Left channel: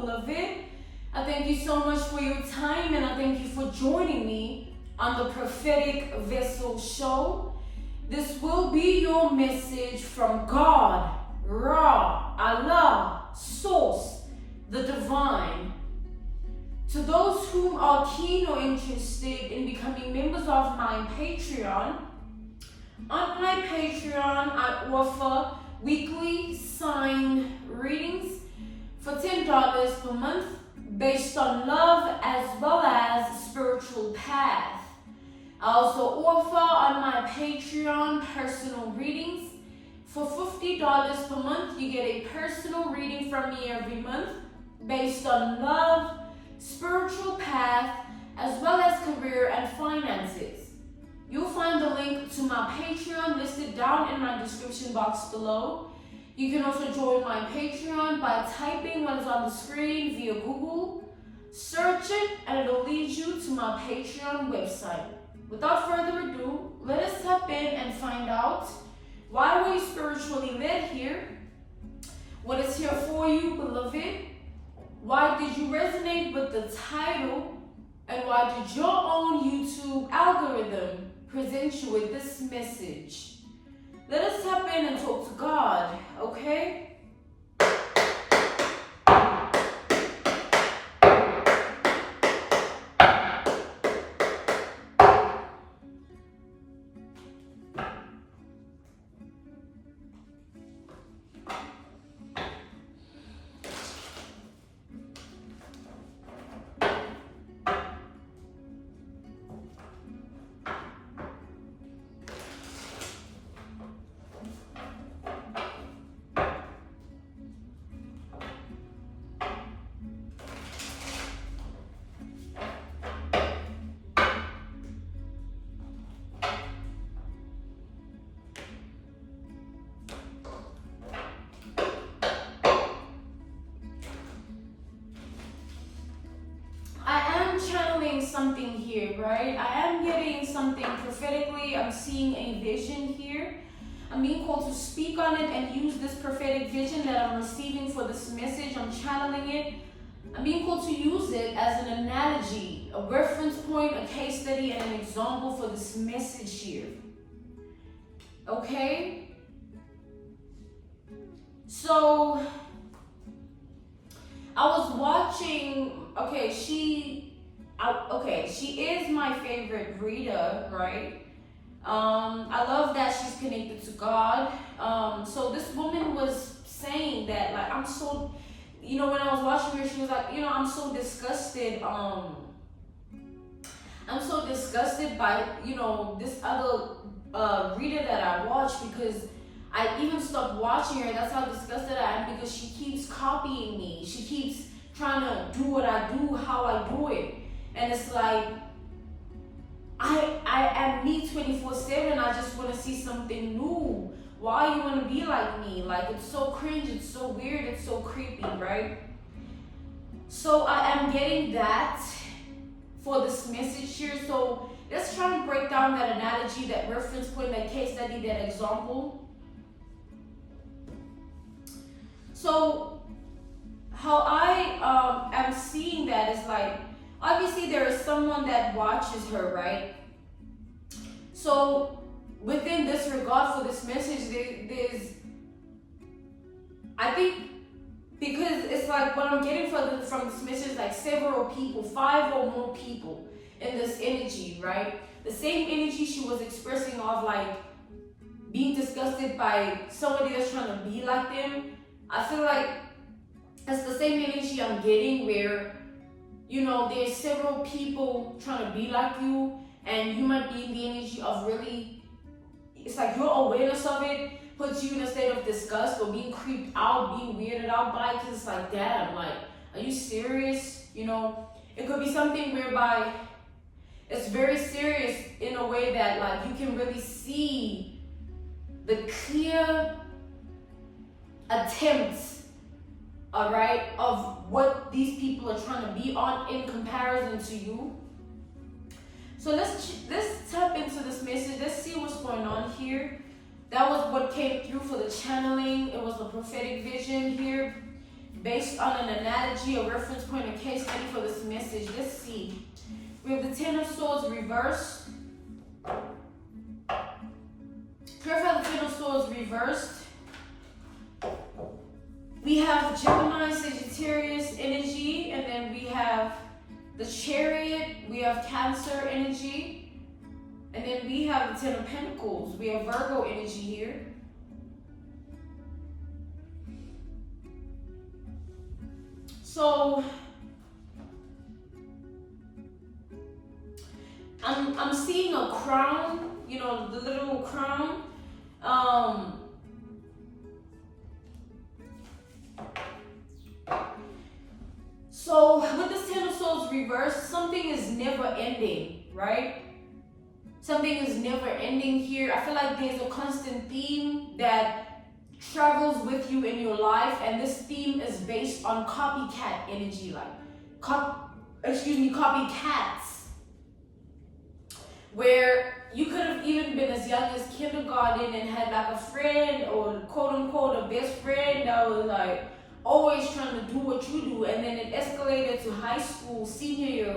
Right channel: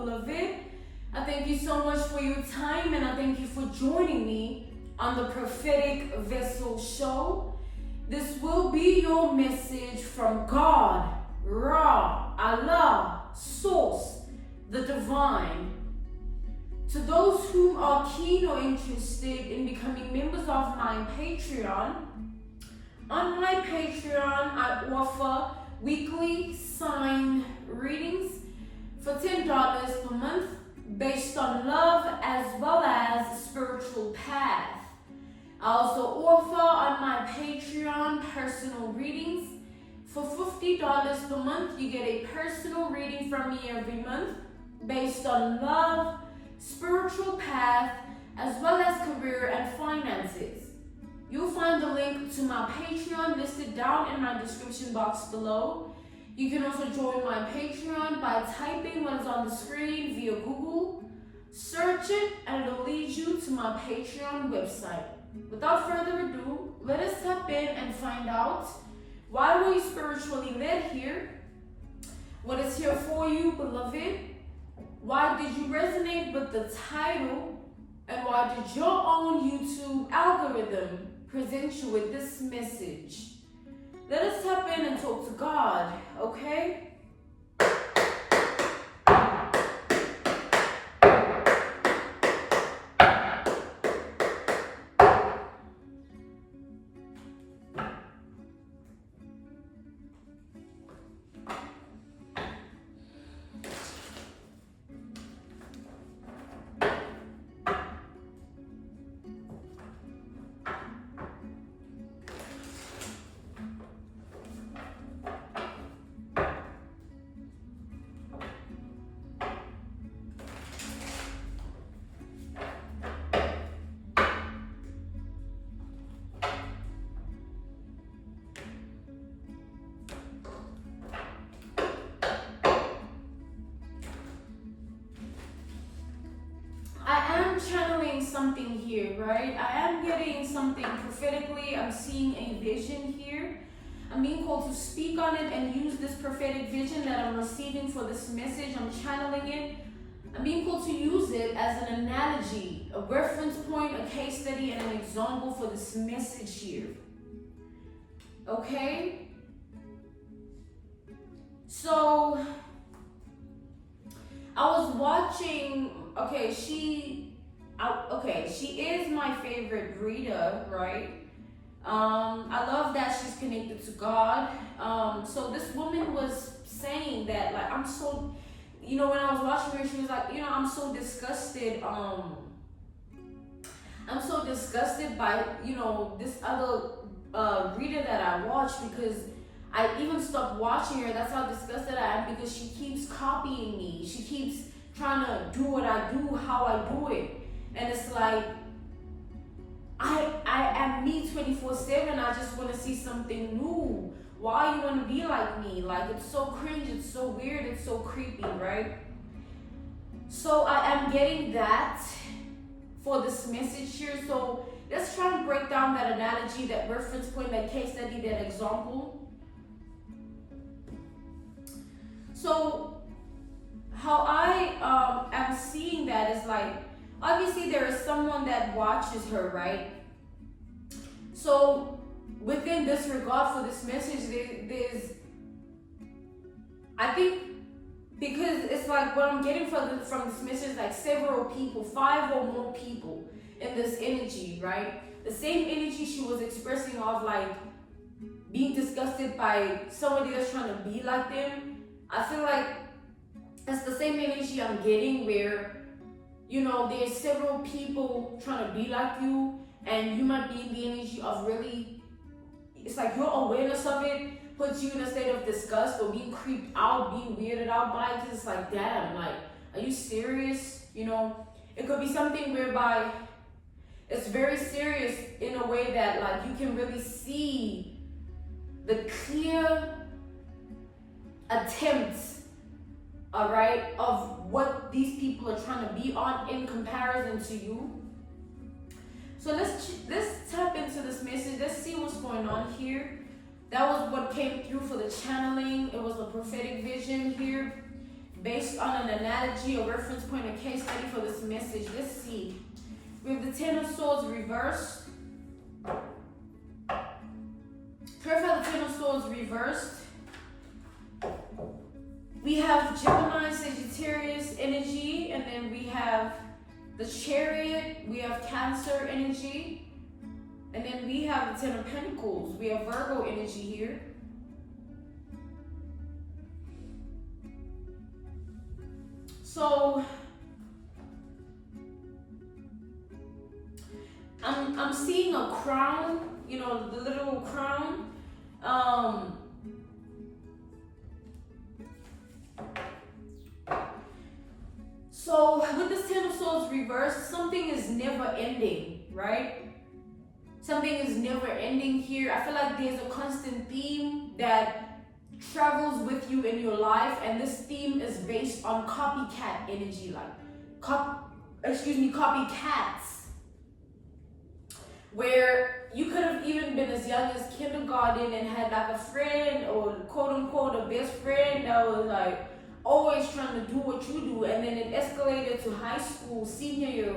beloved. I thank you so much for your time, and I thank you for joining me on the Prophetic Vessel Show. This will be your message from God, Ra, Allah, Source, the Divine. To those who are keen or interested in becoming members of my Patreon, on my Patreon I offer weekly signed readings for $10 per month based on love as well as spiritual path. I also offer on my Patreon personal readings. For $50 per month, you get a personal reading from me every month based on love, spiritual path, as well as career and finances. You'll find the link to my Patreon listed down in my description box below. You can also join my Patreon by typing what is on the screen via Google. Search it and it'll lead you to my Patreon website. Without further ado, let us step in and find out why were you spiritually led here? What is here for you, beloved? Why did you resonate with the title? And why did your own YouTube algorithm present you with this message? Let us tap in and talk to God, okay? Channeling something here, right? I am getting something prophetically. I'm seeing a vision here. I'm being called to speak on it and use this prophetic vision that I'm receiving for this message. I'm channeling it. I'm being called to use it as an analogy, a reference point, a case study, and an example for this message here. Okay? So, I was watching, she is my favorite reader, right? I love that she's connected to God. So this woman was saying that, like, I'm so, when I was watching her, she was like, I'm so disgusted. I'm so disgusted by, this other reader that I watch, because I even stopped watching her. That's how disgusted I am, because she keeps copying me. She keeps trying to do what I do, how I do it. And it's like, I am me 24/7. I just want to see something new. Why you want to be like me? Like, it's so cringe, it's so weird, it's so creepy, right? So I am getting that for this message here. So let's try to break down that analogy, that reference point, that case study, that example. So how I am seeing that is like, obviously there is someone that watches her, right? So within this regard for this message, there's, I think, because it's like what I'm getting from this message, like several people, 5 or more people in this energy, right? The same energy she was expressing of like being disgusted by somebody that's trying to be like them. I feel like that's the same energy I'm getting where, there's several people trying to be like you, and you might be in the energy of really, it's like your awareness of it puts you in a state of disgust or being creeped out, being weirded out by it, because it's like, damn, like, are you serious? It could be something whereby it's very serious in a way that, like, you can really see the clear attempts, all right, of what these people are trying to be on in comparison to you. So let's tap into this message. Let's see what's going on here. That was what came through for the channeling. It was a prophetic vision here. based on an analogy, a reference point, a case study for this message. Let's see. We have the Ten of Swords reversed. Clarify the Ten of Swords reversed. We have Gemini, Sagittarius energy, and then we have the Chariot, we have Cancer energy, and then we have the Ten of Pentacles. We have Virgo energy here. So I'm seeing a crown, you know, the little crown. So with this Ten of Swords reversed, something is never ending, right? Something is never ending here. I feel like there's a constant theme that travels with you in your life, and this theme is based on copycat energy, like copycats, where you could have even been as young as kindergarten and had like a friend or quote unquote a best friend that was like always trying to do what you do, and then it escalated to high school, senior year,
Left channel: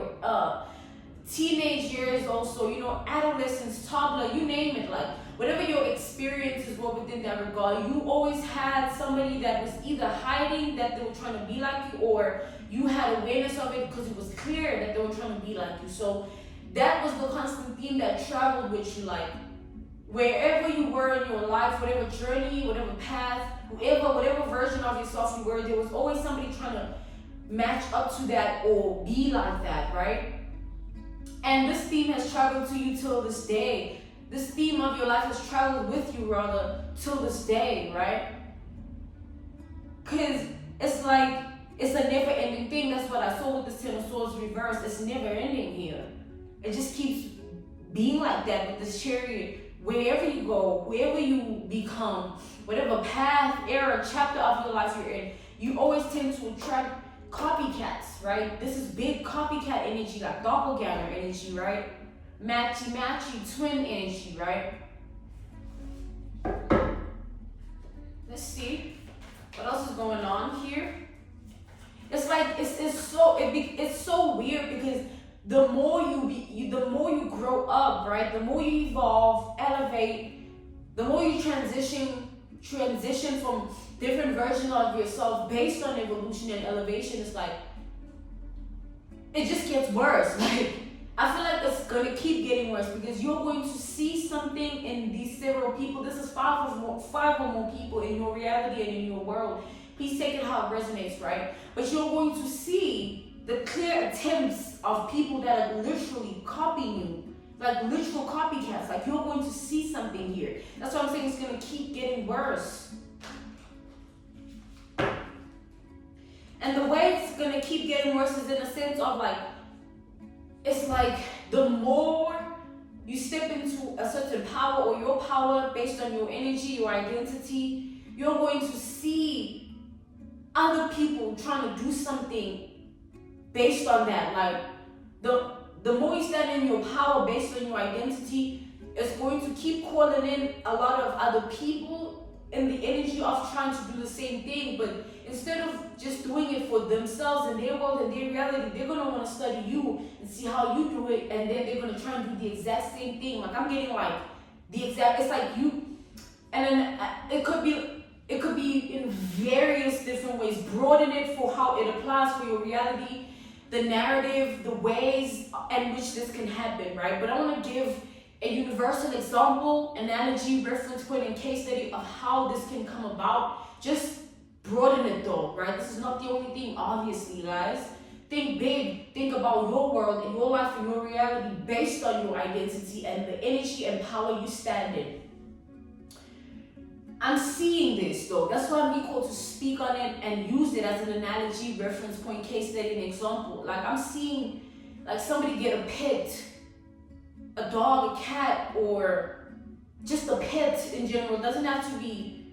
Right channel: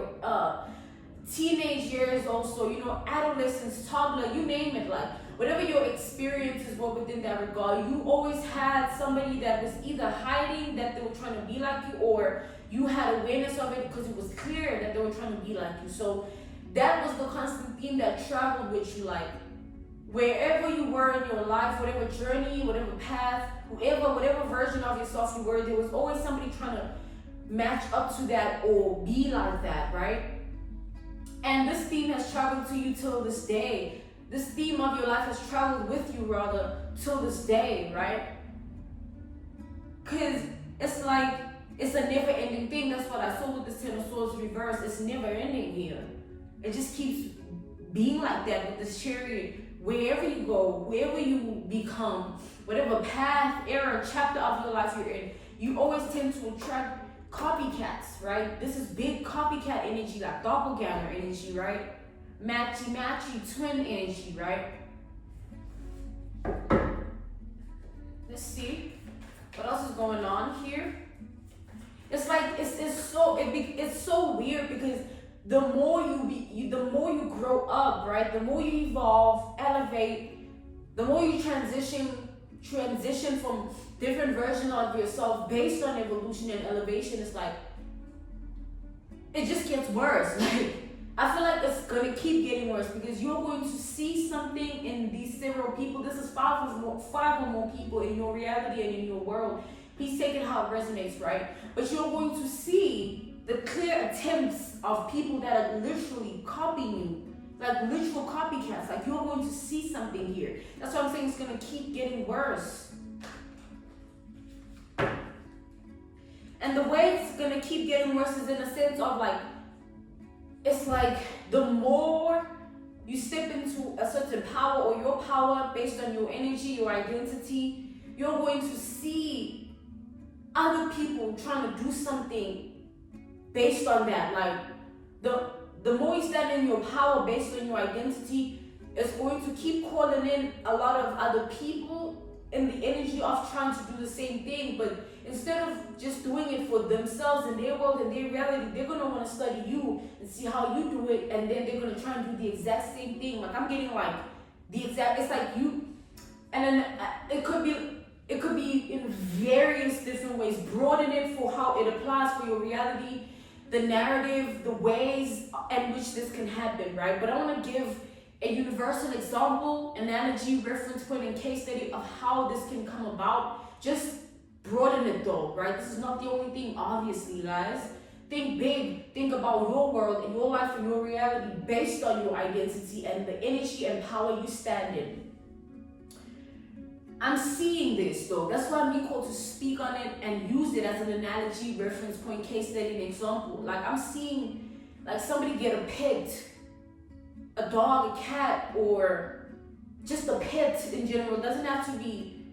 teenage years also, you know, adolescence, toddler, you name it, like whatever your experiences were within that regard, you always had somebody that was either hiding that they were trying to be like you, or you had awareness of it because it was clear that they were trying to be like you. So that was the constant theme that traveled with you, like wherever you were in your life, whatever journey, whatever path, whatever version of yourself you were, there was always somebody trying to match up to that or be like that, right? And this theme has traveled to you till this day. This theme of your life has traveled with you, rather, till this day, right? Because it's like, it's a never-ending thing. That's what I saw with the Ten of Swords reversed. It's never-ending here. It just keeps being like that with this Chariot. Wherever you go, wherever you become, whatever path, era, chapter of your life you're in, you always tend to attract copycats, right? This is big copycat energy, like doppelganger energy, right? Matchy, twin energy, right? Let's see what else is going on here. It's like it's so weird because the more you grow up, right? The more you evolve, elevate, the more you transition from different versions of yourself based on evolution and elevation. It's like it just gets worse. Like I feel like it's gonna keep getting worse because you're going to see something in these several people. This is five or more people in your reality and in your world. Please take it how it resonates, right? But you're going to see the clear attempts of people that are literally copying you, like literal copycats. Like you're going to see something here. That's why I'm saying it's gonna keep getting worse. And the way it's gonna keep getting worse is in a sense of like, it's like the more you step into a certain power or your power based on your energy, your identity, you're going to see other people trying to do something based on that. Like the more you stand in your power based on your identity, it's going to keep calling in a lot of other people in the energy of trying to do the same thing, but instead of just doing it for themselves and their world and their reality, they're gonna want to study you and see how you do it, and then they're gonna try and do the exact same thing. Like I'm getting like the exact, it's like you, and then it could be in various different ways. Broaden it for how it applies for your reality, the narrative, the ways in which this can happen, right? But I want to give a universal example, analogy, reference point, and case study of how this can come about. Just broaden it though, right? This is not the only thing, obviously, guys. Think big. Think about your world and your life and your reality based on your identity and the energy and power you stand in. I'm seeing this though. That's why I'm called to speak on it and use it as an analogy, reference point, case study, and example. Like I'm seeing like somebody get a pet, a dog, a cat, or just a pet in general. It doesn't have to be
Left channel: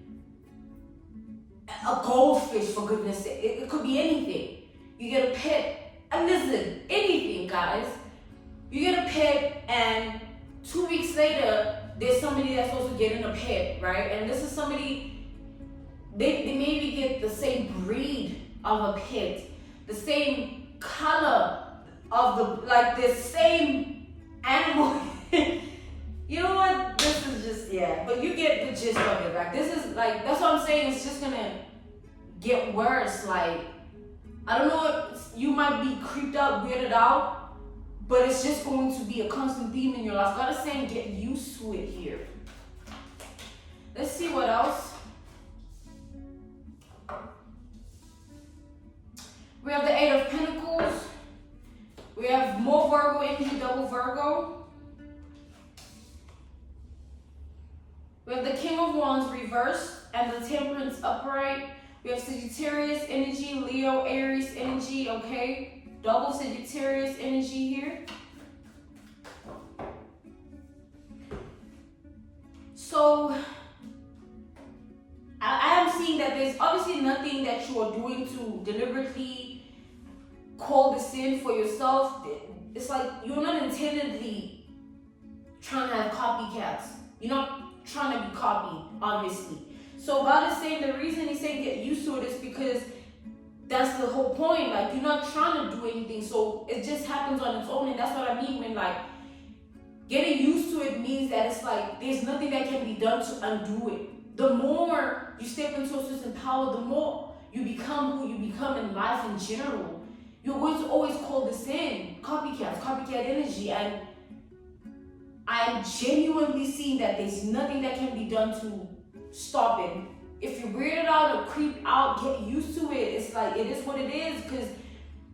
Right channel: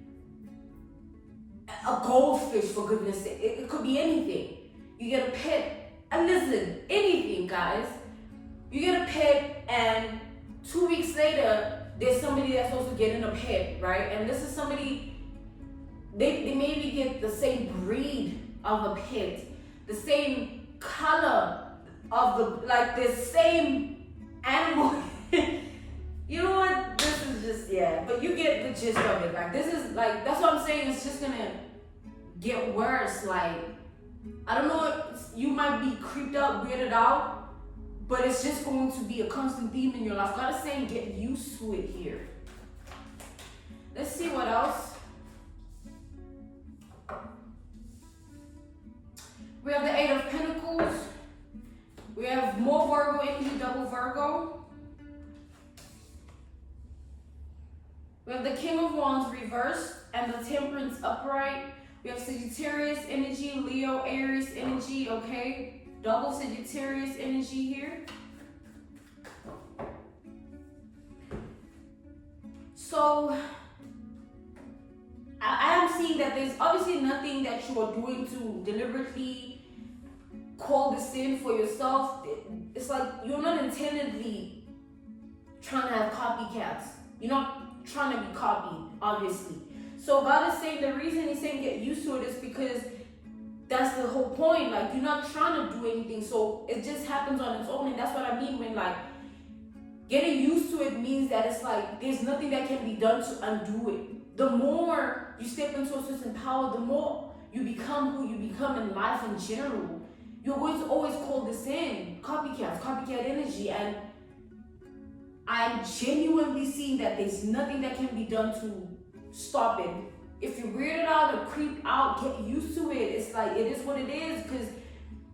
a goldfish, for goodness sake. It could be anything. You get a pet, a lizard, anything, guys. You get a pet, and 2 weeks later, there's somebody that's also getting a pet, right? And this is somebody, they maybe get the same breed of a pit, the same color of the, like the same animal. You know what? This is just, yeah, but you get the gist of it. Like, this is like, that's what I'm saying. It's just gonna get worse. Like, I don't know, you might be creeped out, weirded out, but it's just going to be a constant theme in your life. God is saying, get used to it here. Let's see what else. We have the Eight of Pentacles. We have more Virgo energy, double Virgo. We have the King of Wands reversed and the Temperance upright. We have Sagittarius energy, Leo, Aries energy, okay? Double Sagittarius energy here. So, I am seeing that there's obviously nothing that you are doing to deliberately call this in for yourself. It's like you're not intendedly trying to have copycats. You're not trying to be copied, obviously. So God is saying the reason He's saying get used to it is because that's the whole point. Like, you're not trying to do anything, so it just happens on its own. And that's what I mean when, like, getting used to it means that it's like there's nothing that can be done to undo it. The more you step into a certain power, the more you become who you become in life in general. You're going to always call this in copycat energy, and I'm genuinely seeing that there's nothing that can be done to stop it. If you're weirded out or creeped out, get used to it. It's like, it is what it is, because,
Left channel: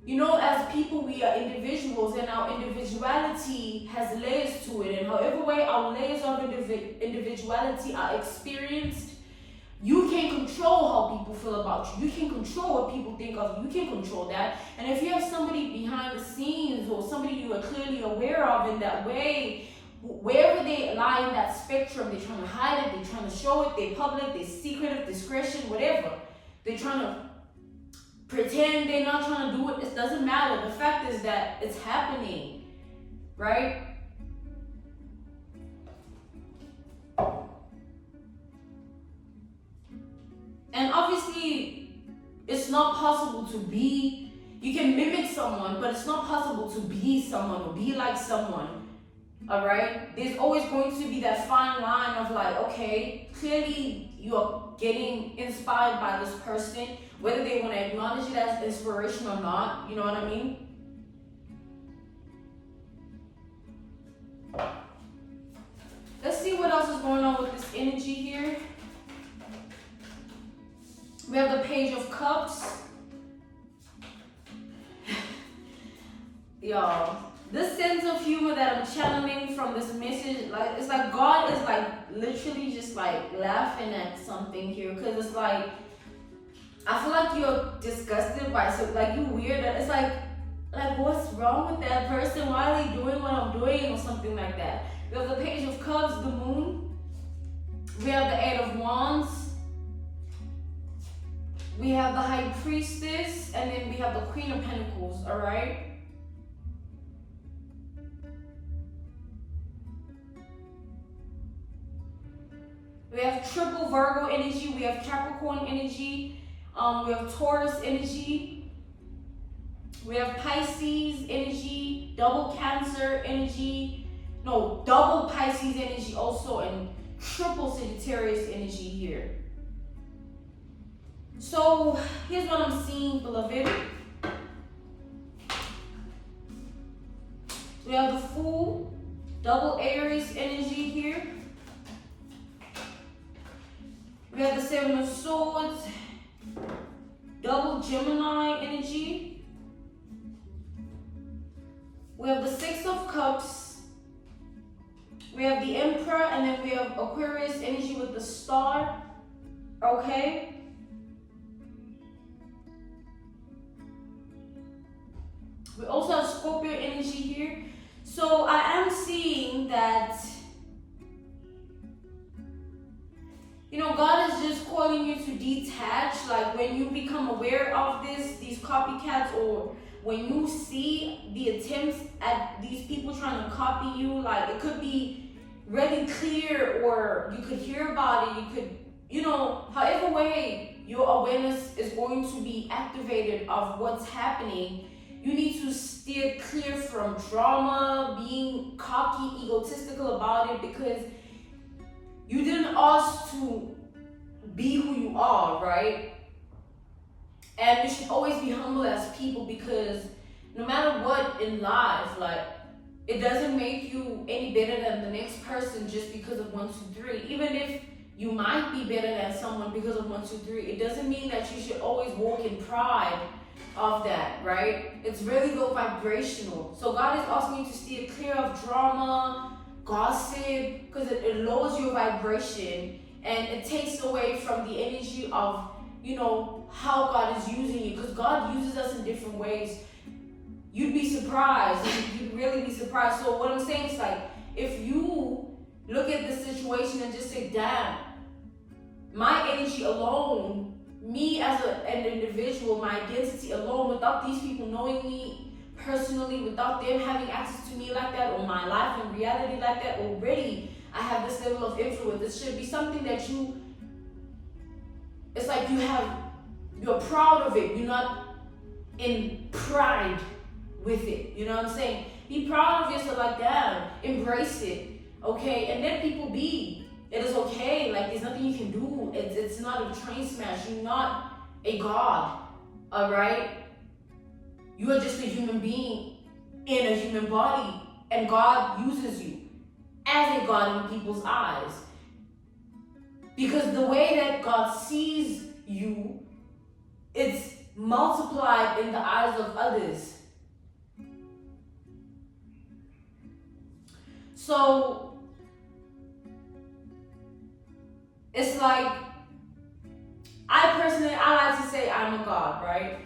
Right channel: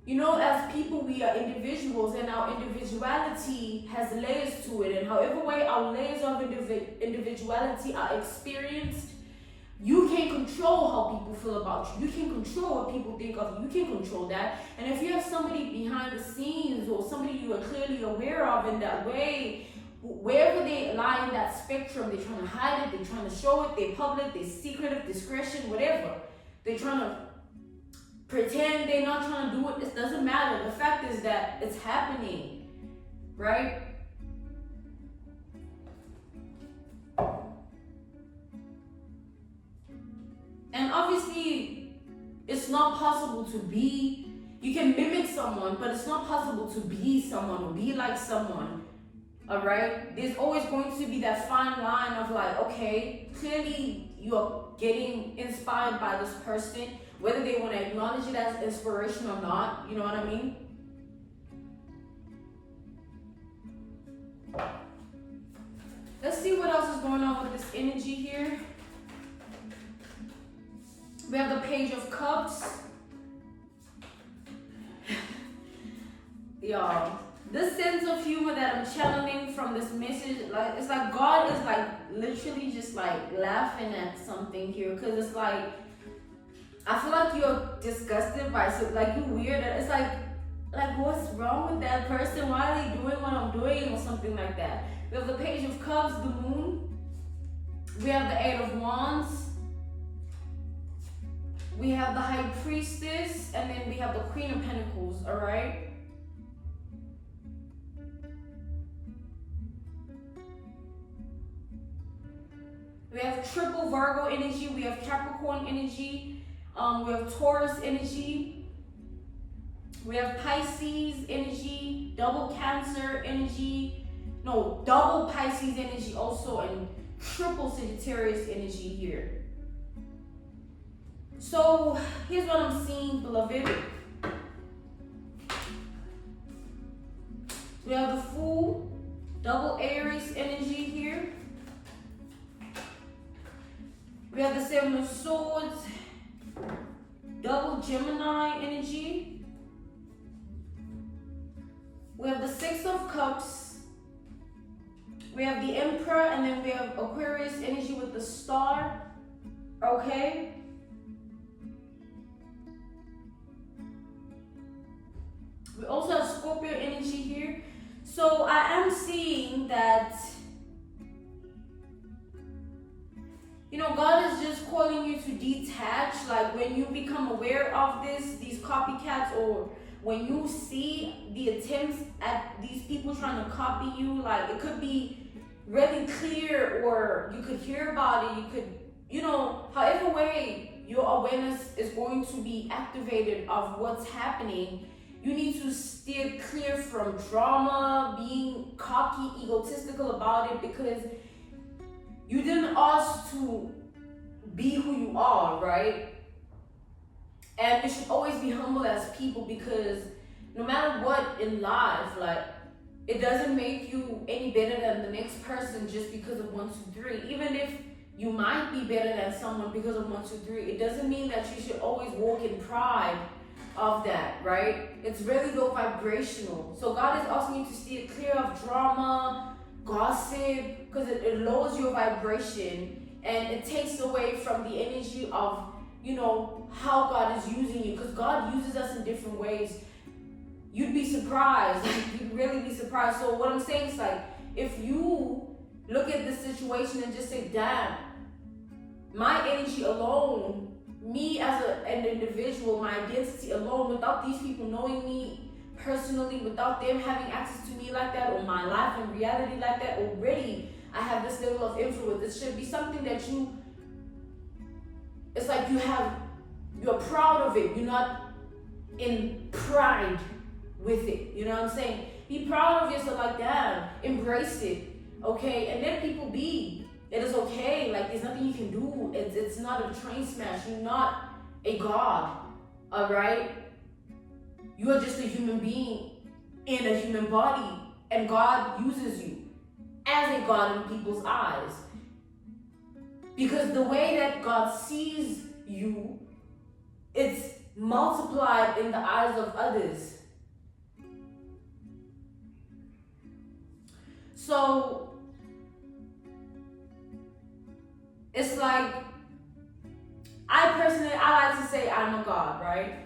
you know, as people, we are individuals, and our individuality has layers to it, and however way our layers of individuality are experienced, you can't control how people feel about you. You can control what people think of you. You can control that. And if you have somebody behind the scenes or somebody you are clearly aware of in that way, wherever they lie in that spectrum, they're trying to hide it, they're trying to show it, they're public, they're secretive, discretion, whatever. They're trying to pretend they're not trying to do it. It doesn't matter. The fact is that it's happening, right? And obviously, it's not possible to be, you can mimic someone, but it's not possible to be someone or be like someone. All right, there's always going to be that fine line of like, okay, clearly you are getting inspired by this person, whether they want to acknowledge it as inspiration or not. You know what I mean? Let's see what else is going on with this energy here. We have the Page of Cups. Y'all, this sense of humor that I'm channeling from this message, like, it's like God is like literally just like laughing at something here, because it's like, I feel like you're disgusted by it, so like you weird. It's like what's wrong with that person? Why are they doing what I'm doing, or something like that. We have the Page of Cups, the Moon. We have the Eight of Wands. We have the High Priestess, and then we have the Queen of Pentacles. All right. We have triple Virgo energy, we have Capricorn energy, we have Taurus energy, we have Pisces energy, double Cancer energy, no, double Pisces energy also, and triple Sagittarius energy here. So here's what I'm seeing, beloved. We have the Fool, double Aries energy here. We have the Seven of Swords, double Gemini energy. We have the Six of Cups. We have the Emperor, and then we have Aquarius energy with the Star. Okay. We also have Scorpio energy here. So I am seeing that, you know, God is just calling you to detach. Like, when you become aware of these copycats, or when you see the attempts at these people trying to copy you, like, it could be really clear, or you could hear about it, you could, you know, however way your awareness is going to be activated of what's happening, you need to steer clear from drama, being cocky, egotistical about it, because you didn't ask to be who you are, right? And we should always be humble as people, because no matter what in life, like, it doesn't make you any better than the next person just because of 1, 2, 3. Even if you might be better than someone because of 1, 2, 3, it doesn't mean that you should always walk in pride of that, right? It's really low vibrational. So God is asking you to steer clear of drama, gossip, because it lowers your vibration and it takes away from the energy of, you know, how God is using you, because God uses us in different ways. You'd be surprised. You'd really be surprised. So what I'm saying is, like, if you look at the situation and just say, damn, my energy alone, me as an individual, my identity alone, without these people knowing me personally, without them having access to me like that, or my life and reality like that, already I have this level of influence. It should be something that it's like you're proud of it. You're not in pride with it. You know what I'm saying? Be proud of yourself, like, damn, embrace it, okay? And let people be. It is okay. Like, there's nothing you can do. It's not a train smash. You're not a god, all right? You are just a human being in a human body, and God uses you as a god in people's eyes. Because the way that God sees you, it's multiplied in the eyes of others. So it's like, I like to say I'm a god, right?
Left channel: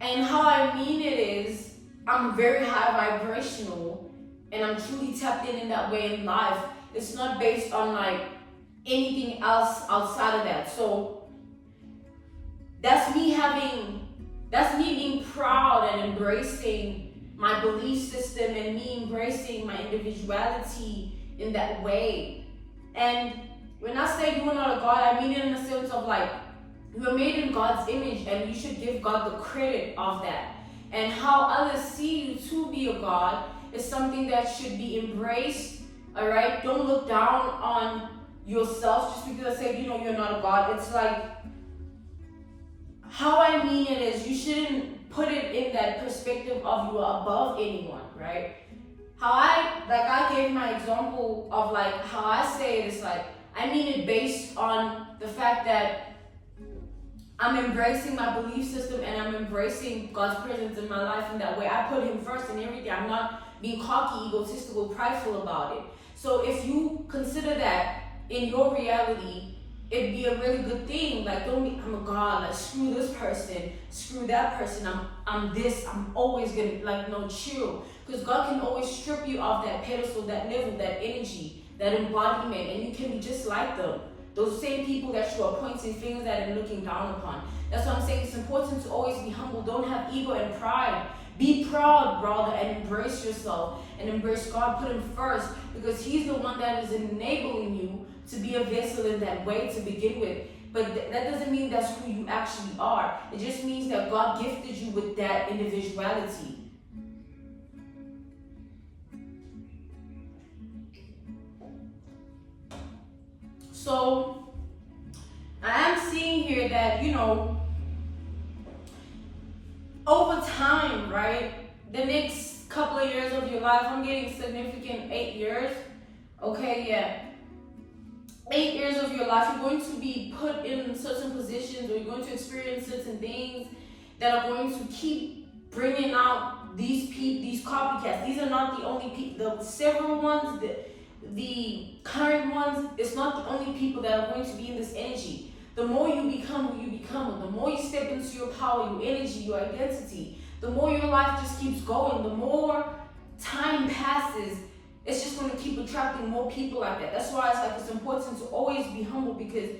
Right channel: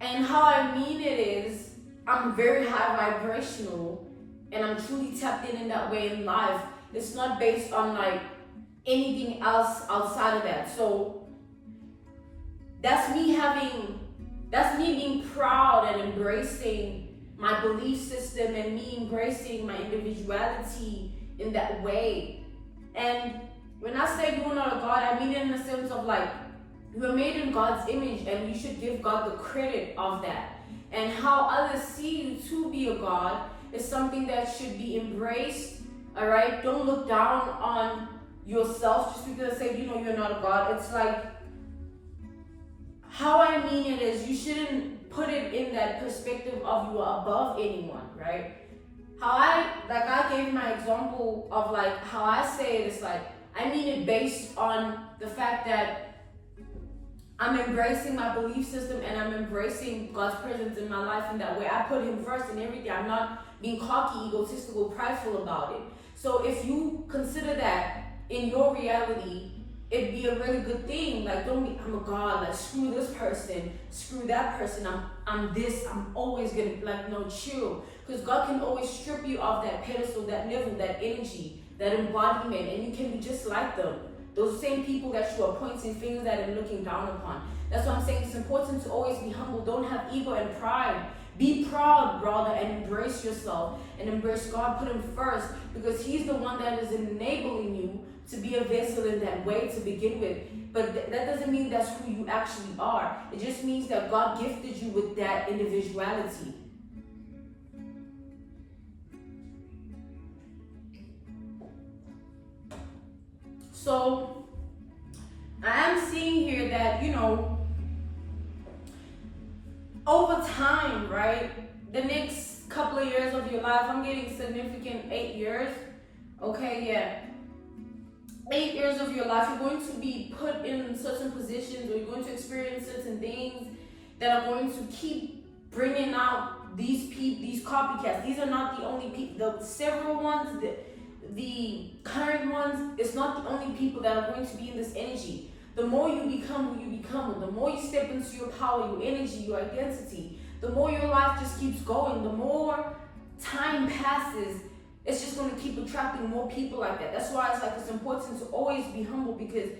And how I mean it is, I'm very high vibrational, and I'm truly tapped in that way in life. It's not based on like anything else outside of that. So that's me being proud and embracing my belief system, and me embracing my individuality in that way. And when I say you are not a god, I mean it in the sense of, like, you are made in God's image, and you should give God the credit of that. And how others see you to be a god is something that should be embraced, all right? Don't look down on yourself just because I say, you know, you're not a god. It's like, how I mean it is, you shouldn't put it in that perspective of you are above anyone, right? How I gave my example of, like, how I say it is, like, I mean it based on the fact that I'm embracing my belief system, and I'm embracing God's presence in my life in that way. I put Him first in everything. I'm not being cocky, egotistical, prideful about it. So if you consider that in your reality, it'd be a really good thing. Like, don't be, I'm a god, like, screw this person, screw that person, I'm this, I'm always gonna, like, no, chill. Because God can always strip you of that pedestal, that level, that energy, that embodiment, and you can be just like them. Those same people that you are pointing fingers at and looking down upon. That's why I'm saying it's important to always be humble. Don't have ego and pride. Be proud, brother, and embrace yourself and embrace God. Put Him first, because He's the one that is enabling you to be a vessel in that way to begin with. But that doesn't mean that's who you actually are. It just means that God gifted you with that individuality. So I am seeing here that, you know, over time, right, the next couple of years of your life, I'm getting significant 8 years, okay, yeah. 8 years of your life, you're going to be put in certain positions, or you're going to experience certain things that are going to keep bringing out these copycats. These are not the only people. The several ones, the current ones, it's not the only people that are going to be in this energy. The more you become who you become, the more you step into your power, your energy, your identity, the more your life just keeps going. The more time passes, it's just going to keep attracting more people like that. That's why it's important to always be humble, because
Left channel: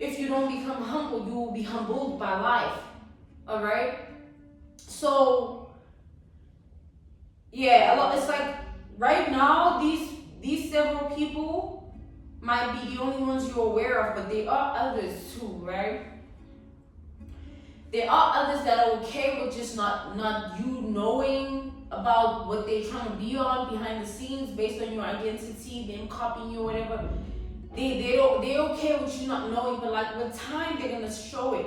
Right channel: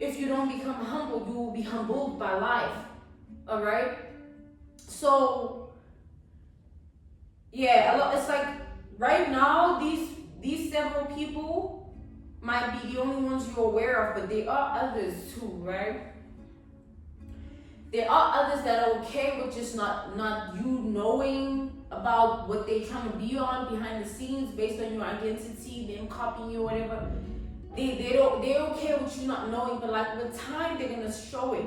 if you don't become humble, you will be humbled by life. All right? So, yeah, it's like right now, these several people might be the only ones you're aware of, but there are others too, right? There are others that are okay with just not you knowing about what they're trying to be on behind the scenes based on your identity, them copying you, whatever. They're okay with you not knowing, but like with time they're gonna show it.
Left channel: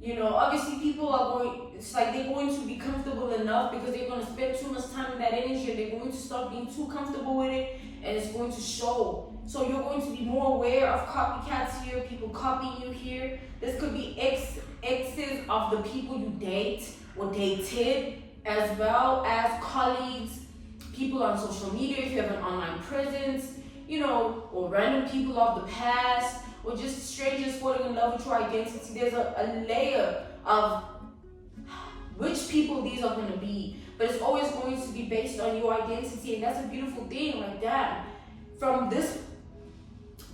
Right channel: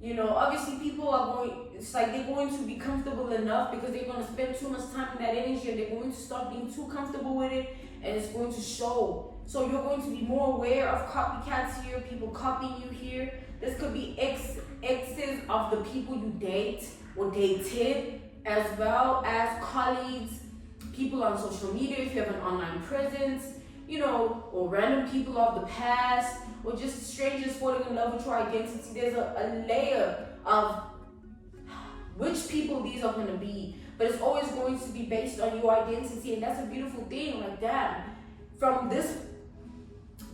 You know, obviously people are going, it's like they're going to be comfortable enough because they're going to spend too much time in that energy, and they're going to start being too comfortable with it, and it's going to show. So you're going to be more aware of copycats here, people copying you here. This could be exes of the people you date or dated, as well as colleagues, people on social media if you have an online presence, you know, or random people of the past, or just strangers falling in love with your identity. There's a layer of which people these are going to be, but it's always going to be based on your identity, and that's a beautiful thing. Like that, from this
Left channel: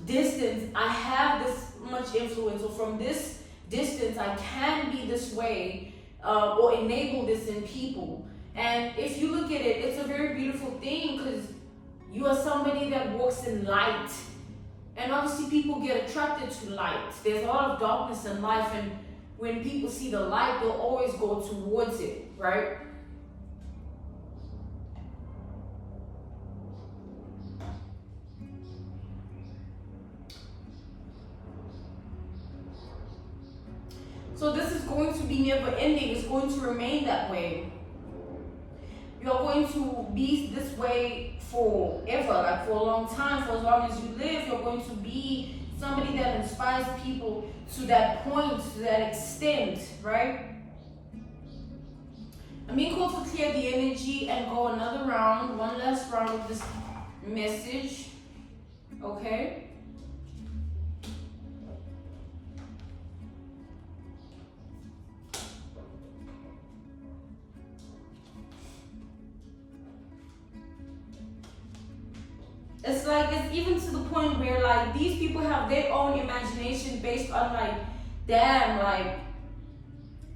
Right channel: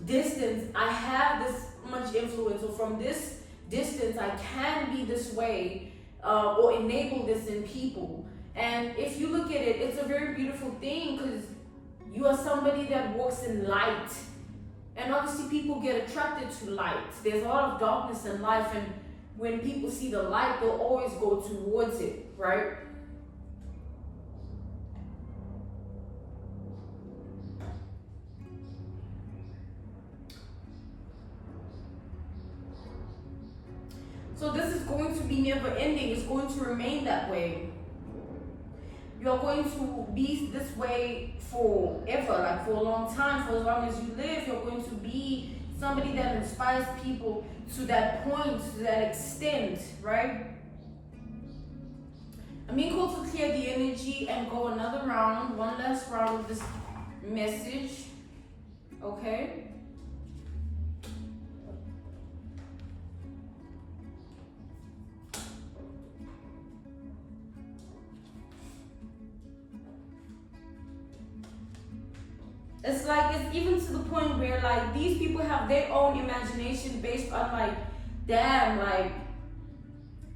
distance I have this much influence, or from this distance I can be this way, or enable this in people. And if you look at it, it's a very beautiful thing, because you are somebody that walks in light. And obviously people get attracted to light. There's a lot of darkness in life, and when people see the light, they'll always go towards it, right? So this is going to be never ending. It's going to remain that way. You're going to be this way forever, like for a long time. For as long as you live, you're going to be somebody that inspires people to that point, to that extent, right? I'm being called to clear the energy and go another round, one last round of this message, okay? It's like, it's even to the point where like these people have their own imagination based on like, damn, like,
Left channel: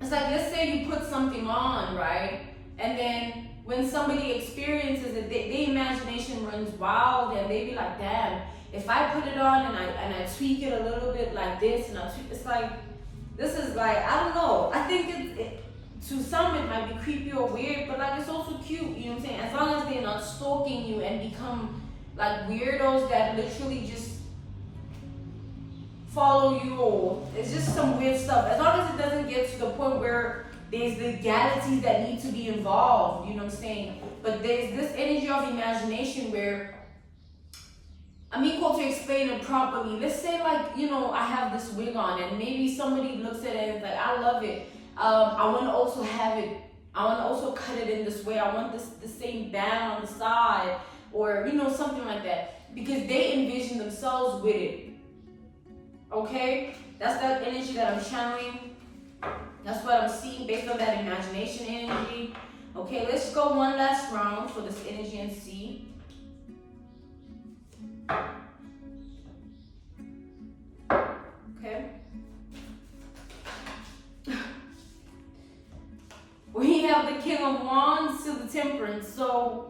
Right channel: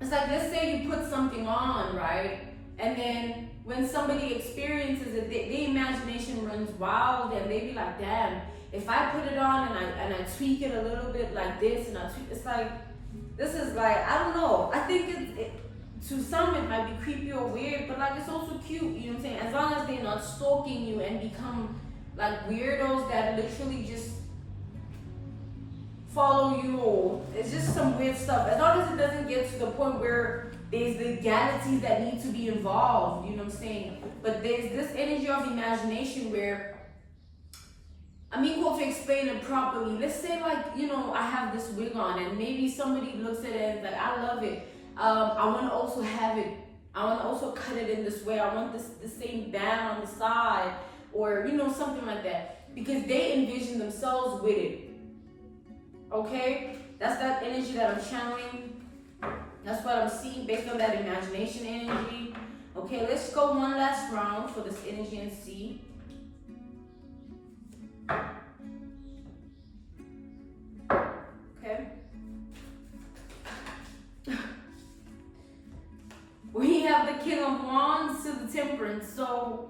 it's like, let's say you put something on, right? And then when somebody experiences it, their imagination runs wild, and they be like, damn, if I put it on and I tweak it a little bit like this, and it's like, this is like, I don't know. I think to some it might be creepy or weird, but like it's also cute, you know what I'm saying? As long as they're not stalking you and become like weirdos that literally just follow you, or it's just some weird stuff. As long as it doesn't get to the point where there's legalities that need to be involved, you know what I'm saying? But there's this energy of imagination where I'm equal to explain it properly. Let's say like, you know, I have this wig on, and maybe somebody looks at it and is like, I love it. I want to also have it. I want to also cut it in this way. I want the same band on the side, or you know, something like that, because they envision themselves with it. Okay, that's that energy that I'm channeling. That's what I'm seeing based on that imagination energy. Okay, let's go one last round for this energy and see. Okay. We have the King of Wands to the Temperance. So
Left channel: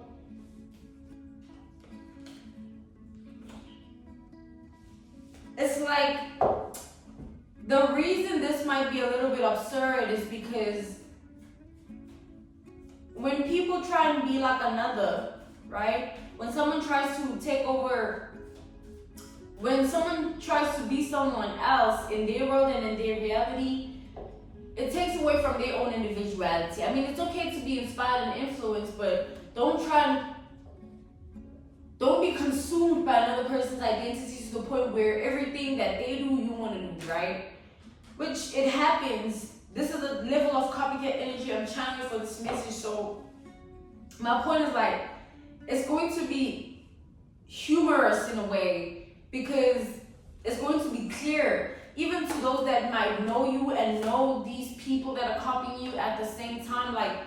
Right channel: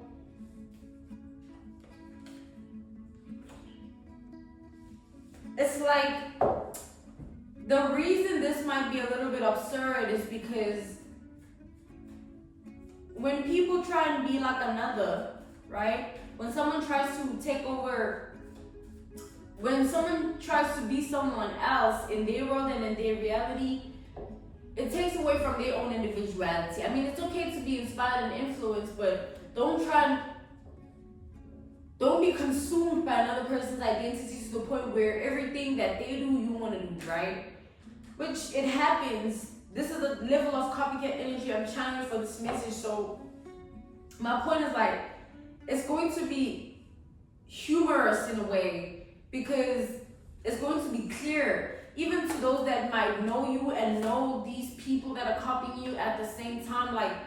it's like, the reason this might be a little bit absurd is because when people try and be like another, right? When someone tries to take over, when someone tries to be someone else in their world and in their reality, it takes away from their own individuality. I mean, it's okay to be inspired and influenced, but don't be consumed by another person's identity to the point where everything that they do, you want to do, right? Which it happens. This is a level of copycat energy I'm channeling for this message. So my point is like, it's going to be humorous in a way, because it's going to be clear, even to those that might know you and know these people that are copying you at the same time. Like,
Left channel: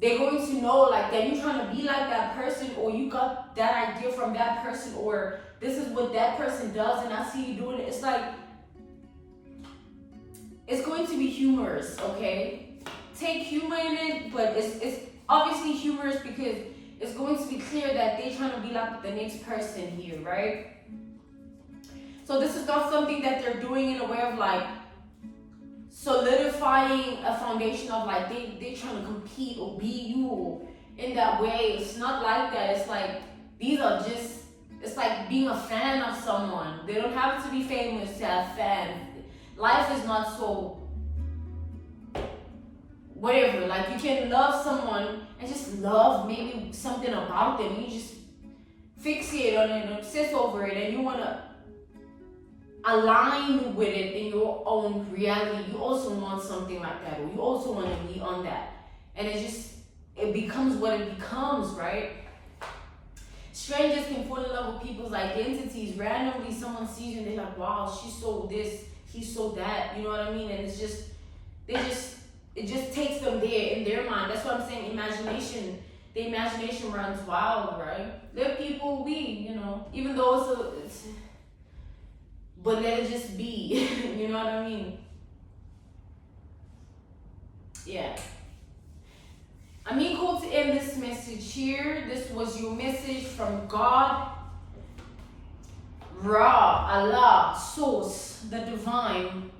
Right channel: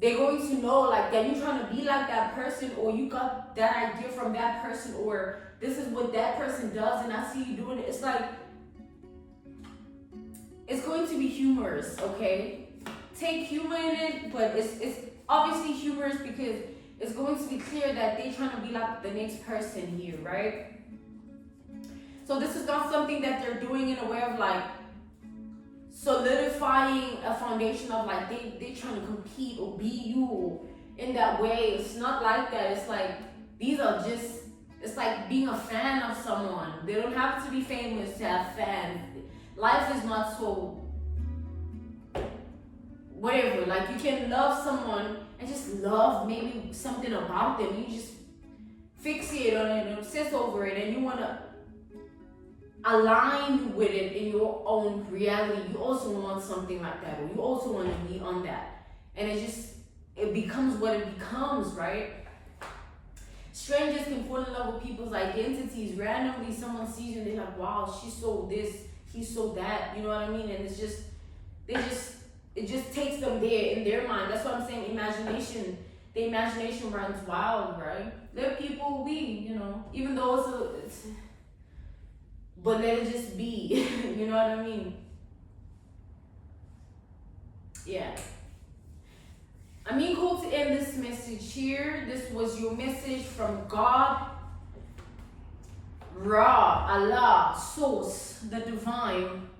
they're going to know like that you're trying to be like that person, or you got that idea from that person, or this is what that person does and I see you doing it. It's like, it's going to be humorous, okay? Take humor in it, but it's obviously humorous because it's going to be clear that they're trying to be like the next person here, right? So this is not something that they're doing in a way of like solidifying a foundation of like they trying to compete or be you in that way. It's not like that. It's like these are just, it's like being a fan of someone. They don't have to be famous to have fans. Life is not so whatever. Like you can love someone and just love maybe something about them. You just fixate on it and obsess over it, and you wanna align with it in your own reality. You also want something like that, or you also want to be on that, and it becomes what it becomes, right? Strangers can fall in love with people's identities. Randomly someone sees you and they're like, wow, she's so this, he's so that, you know what I mean? And it just takes them there in their mind. That's what I'm saying. The imagination runs wild, right? Let people be, even though but let it just be. You know what I mean? Yeah. I mean, cool to end this message here. This was your message from God, Ra, Allah, Source, the Divine.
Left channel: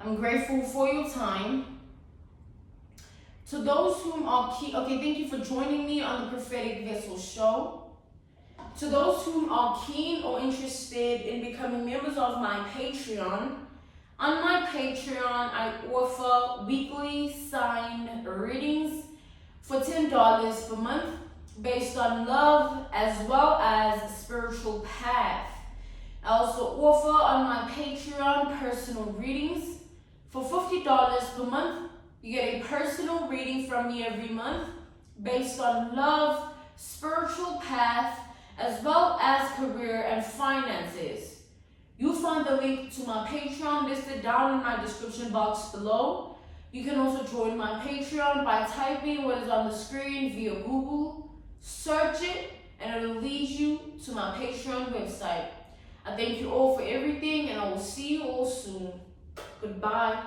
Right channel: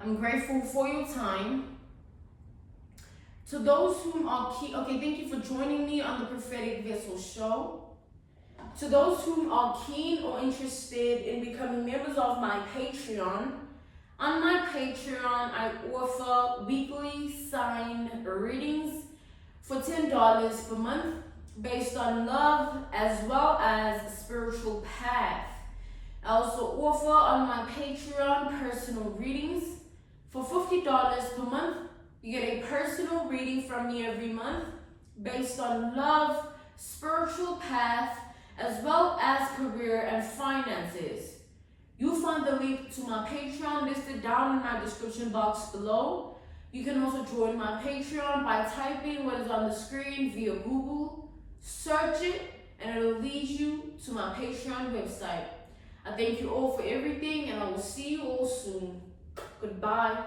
I'm grateful for your time. To those whom are keen, okay, thank you for joining me on the Prophetic Vessel Show. To those whom are keen or interested in becoming members of my Patreon, on my Patreon, I offer weekly sign readings for $10 per month based on love as well as spiritual path. I also offer on my Patreon personal readings for $50 per month. You get a personal reading from me every month based on love, spiritual path, as well as career and finances. You'll find the link to my Patreon listed down in my description box below. You can also join my Patreon by typing what is on the screen via Google, search it, and it will lead you to my Patreon website. I thank you all for everything, and I will see you all soon. Goodbye.